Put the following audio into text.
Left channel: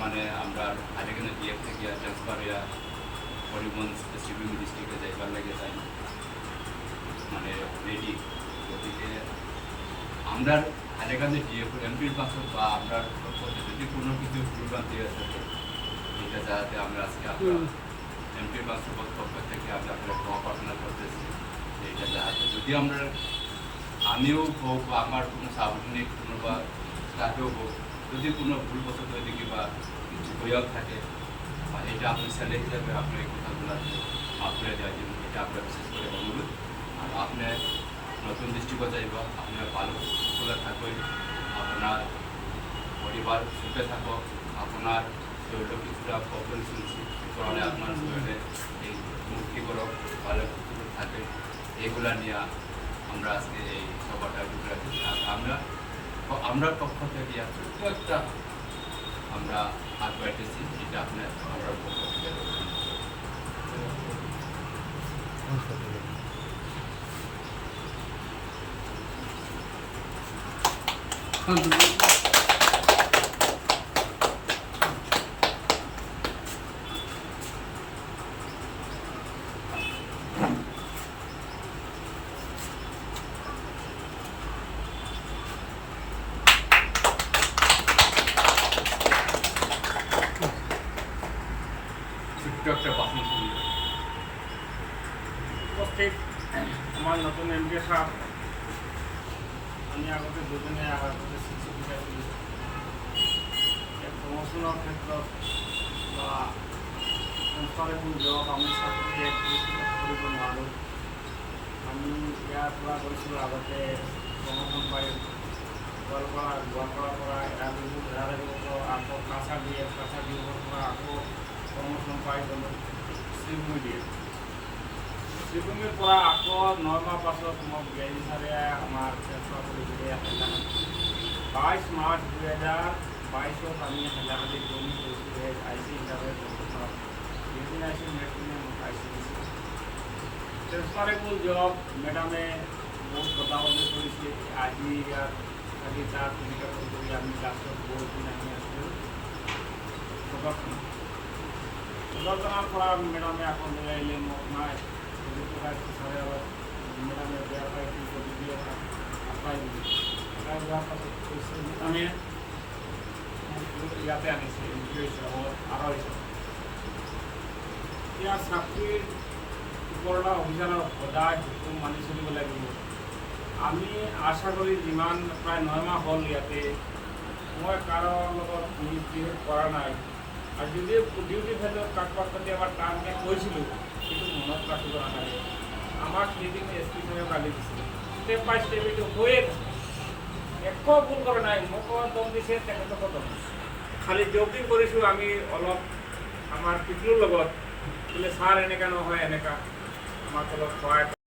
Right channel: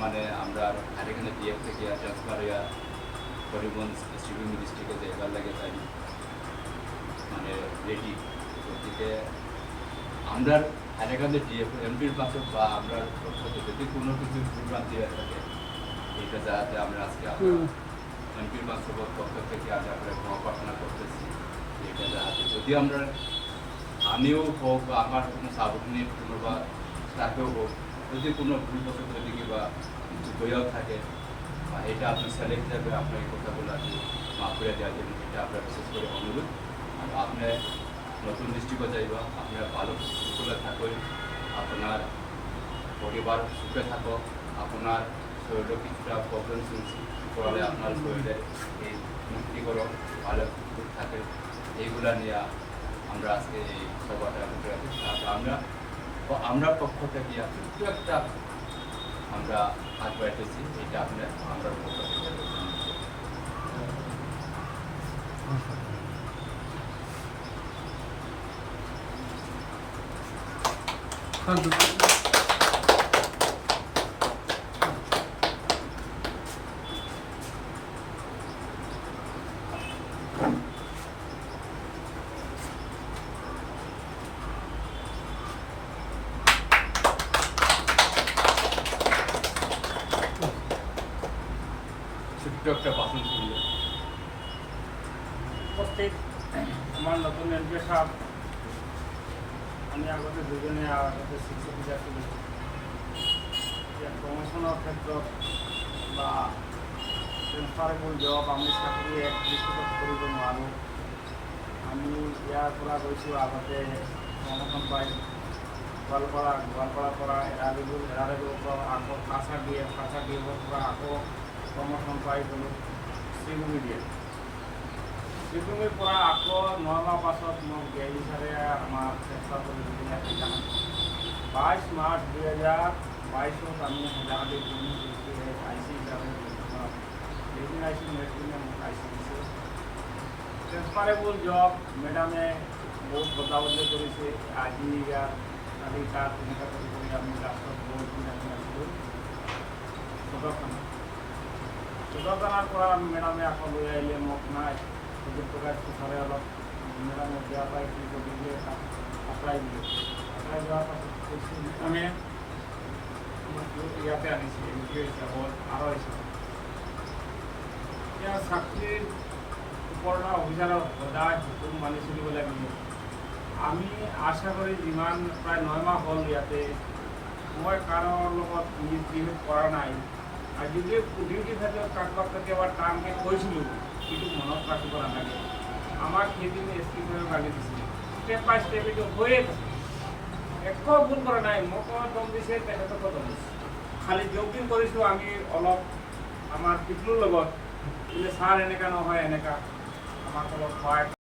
মানে আমরা হাইলাকান্দি ডিএফ থেকে ট্রান্সফার হইয়া হরিগঞ্জ ডিস্ট্রিক্ট ডিস্ট্রিক্টে যাইবার লাগে চাই মানে রেডি গতিকে আমরা হাইলাকান্দি ডিএফ এমপির পাশে বা আমরা যদি কোনো কিছু ভুলভ্রান্তি হয়ে থাকে এইটা যাতে আমরা আজকে আপনার এমপির বাস্তবত পক্ষ থেকে আমি আপনার ক্ষমা প্রার্থনা করতেছি এইটা যাতে যদি আমরা আমিও হোক বা আমার কোনো সাবঅর্ডিনেট কোনো বা স্টাফেও হোক যদি কোনো ভুলবশত এদিকে বা কিছু বইও থাকে বা এটা আপনি ছেলে হিসাবে আপনার এই কথাগুলো আপনি মাফ করে দেওয়া যাবেন এটা আপনার বিশেষ করে অনুরোধ আর আপনার নতুন দৃষ্টিকোণ চাইব আপনার ভালো সুস্থলে থাকুন আপনার পরিবার সুখে থাকো আপনার শরীরে কিছুটা প্রবলেম শুনছি করলে আপনার শরীরে এই মুক্তিকরক ভালো থাকে এইগুলা নিয়ে আমরা আজকে এই সভাটা ভিতরে আছি আমরা পক্ষ থেকে ছোট্ট একটা আমরা হাত বাড়িতেছি এটা আপনার আমরা পক্ষ থেকে একটা বাসন শুনলো উপস্থিত আমার নতুন এমপি সাহেব আমি আগতে দুজনে আগতে শিক্ষক আছিলো যে প্রমোশনের ক্ষেত্ৰত বা ট্ৰেন্সফাৰেবল জব আমি চাকৰি এক দৃষ্টিগত কৰিব নোৱাৰোঁ আমি ইয়াৰ পৰা গৈছোঁ আগতে প্ৰমোশন পাই গোৱালপাৰাৰ পৰা এৰাবেগুৰ পৰা আকৌ কাছাৰ ডিএফৰ পৰা আকৌ প্ৰমোশন পাই গ'লোঁ শ্ৰীভূমি দিয়ে শ্ৰীভূমিৰ পৰা আকৌ 9 মাহ পাছত মোক ডিআইজি ছাৰে আমাক ট্ৰেন্সফাৰ কৰি দিলে 22 মাৰ্চ 2022 আমি হাইলাকান্দিত জইন কৰিছোঁ আই চি হিচাপে বৰ্তমান যেদিন আহিছোঁ নেক্সট দিনে মোক আই চি দিছোঁ ট্ৰেন্সফাৰেবল জব মেডামে বহুত বদলাবদলি কৰিছে আজি ইয়াত কালি তাত তেনেকুৱা কৰি আমি লাষ্টত বহুত দিন আমি আছিলোঁ সদৰ থানাৰ পৰা মেডামে আকৌ লৈ আহিলে মোক নাই সুযোগ প্ৰকাশ ছাৰে অলপ মেডামে বেয়া পাই কি কৰি দিয়ে তাক আঁতৰাই দিলে আঁতৰাই যোৱাৰ পাছত মেডামে ইয়াতে আনিছে ইউ হিচাপত আৰু হিচাপত এতিয়া চাকৰিৰ ওপৰত অভিযানৰ সদায় হুকুম মানি চলিব লাগিব আমি আশা কৰি যিমান প্ৰায় 9 মাহ হ'ল ইয়াতে মই কাৰোৰ লগত মিছবিহেভ কৰা নাই আৰু যদি ডিউটি ক্ষেত্ৰত কাৰোবাক কেতিয়াবা টানকৈ কৈছিলোঁ কিন্তু মনত ৰাখিব নালাগে আমাক সেইদিন এছ পি ছাৰে গালি দিছিল ষ্টেপ বাই ষ্টেপ এইটো হৈয়ে গৈছে একো ভুল কৰা নাই মোকো দম দিছে তেখেতকো দম দিছে খালি জবদিন কৰিছোঁ আমি অলপ আমাৰ পিতৃৰ লগত বোলে ছাৰ এনেকুৱা নহয় এনেকুৱা আমাৰ লগত সহায়